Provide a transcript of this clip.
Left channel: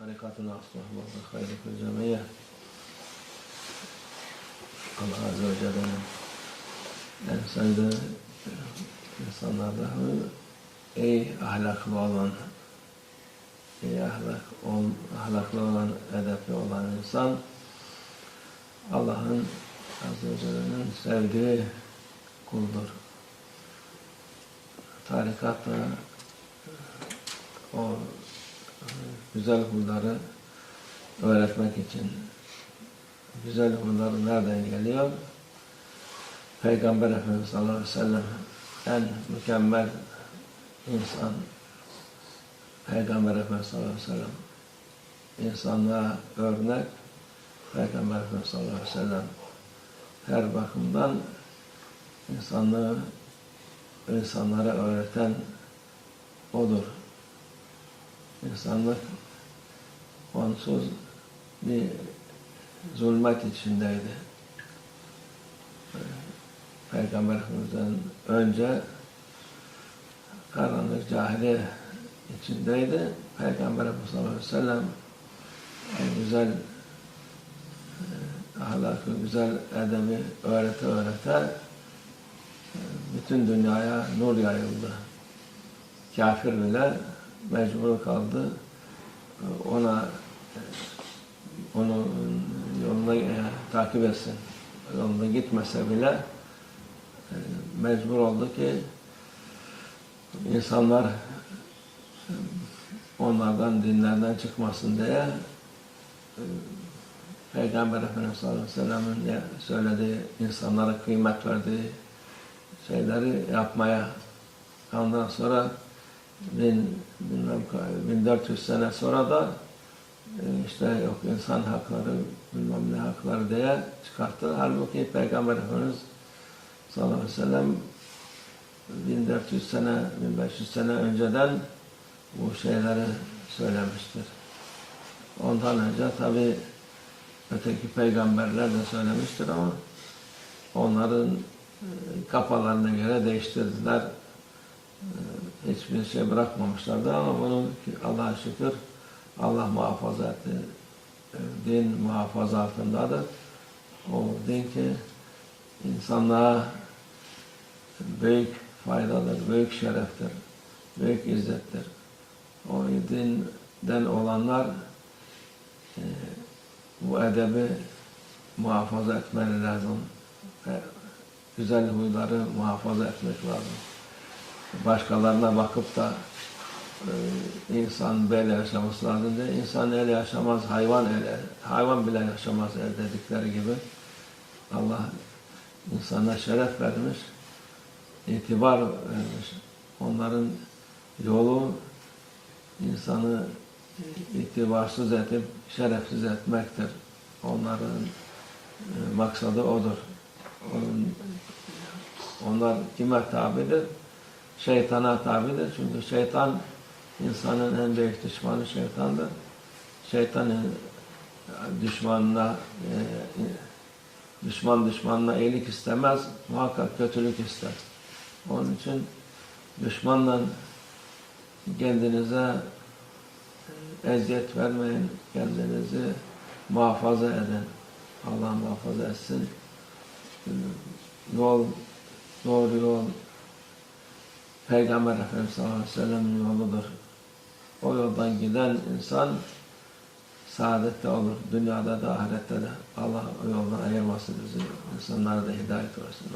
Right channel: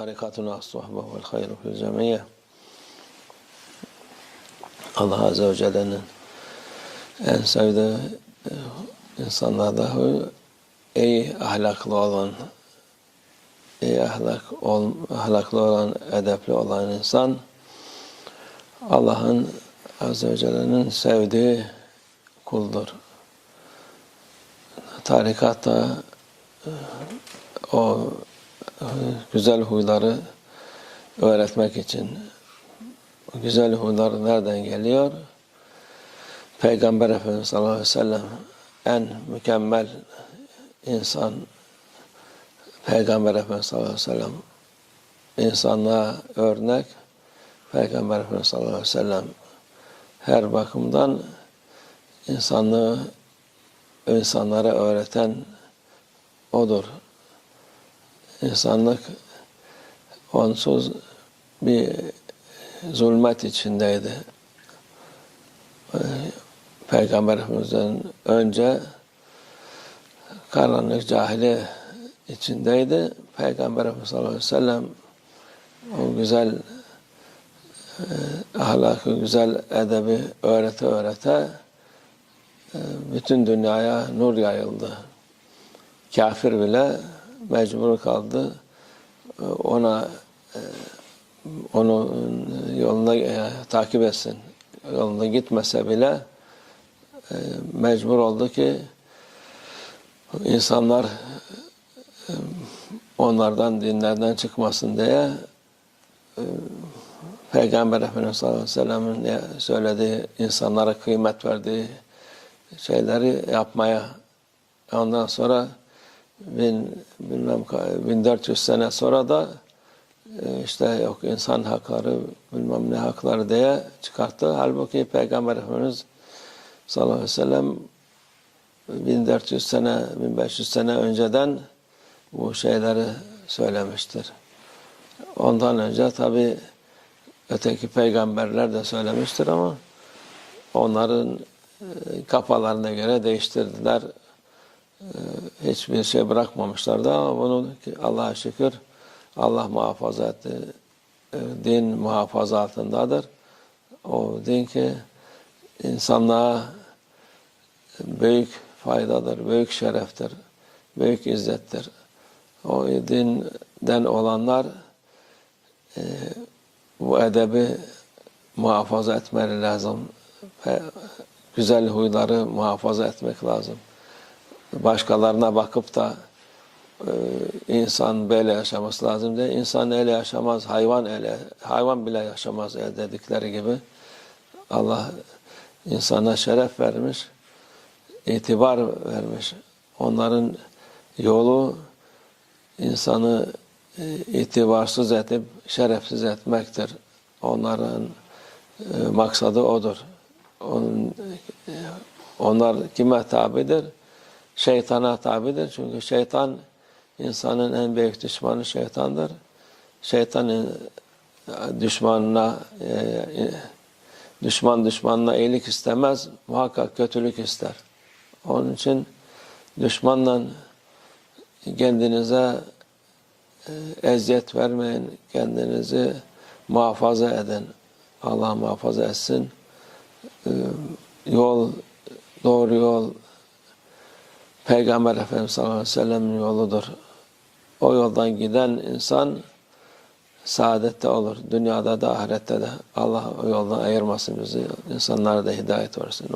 tarikatuna as-sohbeh vel hayru fil cemiyye. Allah Azze ve Celle'nin en sevdiği e, insanlarda iyi ahlaklı olan, iyi ahlak, ol, ahlaklı olan, edepli olan insan Allah'ın Azze ve Celle'nin sevdiği kuldur. Tarikatta e, o güzel huyları öğretmek için o güzel huylar nereden geliyor? Peygamber Efendimiz sallallahu aleyhi ve sellem en mükemmel insan Peygamber Efendimiz sallallahu aleyhi ve sellem insanlığa örnek Peygamber Efendimiz sallallahu aleyhi ve sellem her bakımdan insanlığı insanlara öğreten odur. İnsanlık onsuz bir zulmet içindeydi. Peygamber önce karanlık cahili içindeydi. Peygamber Efendimiz sallallahu aleyhi ve sellem o güzel e, ahlakı, güzel edebi öğrete öğrete e, bütün dünyaya nur yayıldı. Kafir bile mecbur kaldı. E, ona e, onu yoluna e, takip etsin. Yolunda gitmese bile e, mecbur oldu ki insanlar e, onlardan dinlerden çıkmasın diye e, Peygamber Efendimiz sallallahu aleyhi ve sellem'in söylediği, insanlara kıymet verdiği şeyleri yapmaya ondan sonra bin, bilmem ka- 1400 sene sonra da e, işte yok insan hakları bilmem ne hakları diye çıkarttı. Halbuki Peygamber Efendimiz sallallahu aleyhi ve sellem 1400 sene, 1500 sene önceden bu şeyleri söylemiştir. Ondan önce tabi öteki peygamberler de söylemiştir ama onların e, kafalarına göre değiştirdiler. Hiçbir şey bırakmamışlardı ama bunu Allah'a şükür Allah muhafaza etti. Din muhafaza altındadır. O din ki insanlığa büyük faydadır, büyük şereftir, büyük izzettir. O dinden olanlar e, bu edebi muhafaza etmeleri lazım. Ve güzel huyları muhafaza etmek lazım. Başkalarına bakıp da e, insan böyle yaşaması lazım diye insan öyle yaşamaz, hayvan öyle, hayvan bile yaşamaz öyle dedikleri gibi Allah insana şeref vermiş, itibar vermiş. Onların yolu insanı e, itibarsız edip şerefsiz etmektir. Onların e, maksadı odur. E, onlar kime tabidir? Şeytana tabidir. Çünkü şeytan insanın en büyük düşmanı şeytandır. Şeytanın düşmanına e, e, düşman düşmanına iyilik istemez, muhakkak kötülük ister. Onun için düşmanla kendinize e, eziyet vermeyin, kendinizi muhafaza edin. Allah muhafaza etsin. E, Yol, doğru yol, Peygamber Efendimiz sallallahu aleyhi ve sellem'in yoludur. O yoldan giden insan saadette olur. Dünyada da ahirette de. Allah o yoldan ayırmasın bizi. İnsanlara da hidayet versin.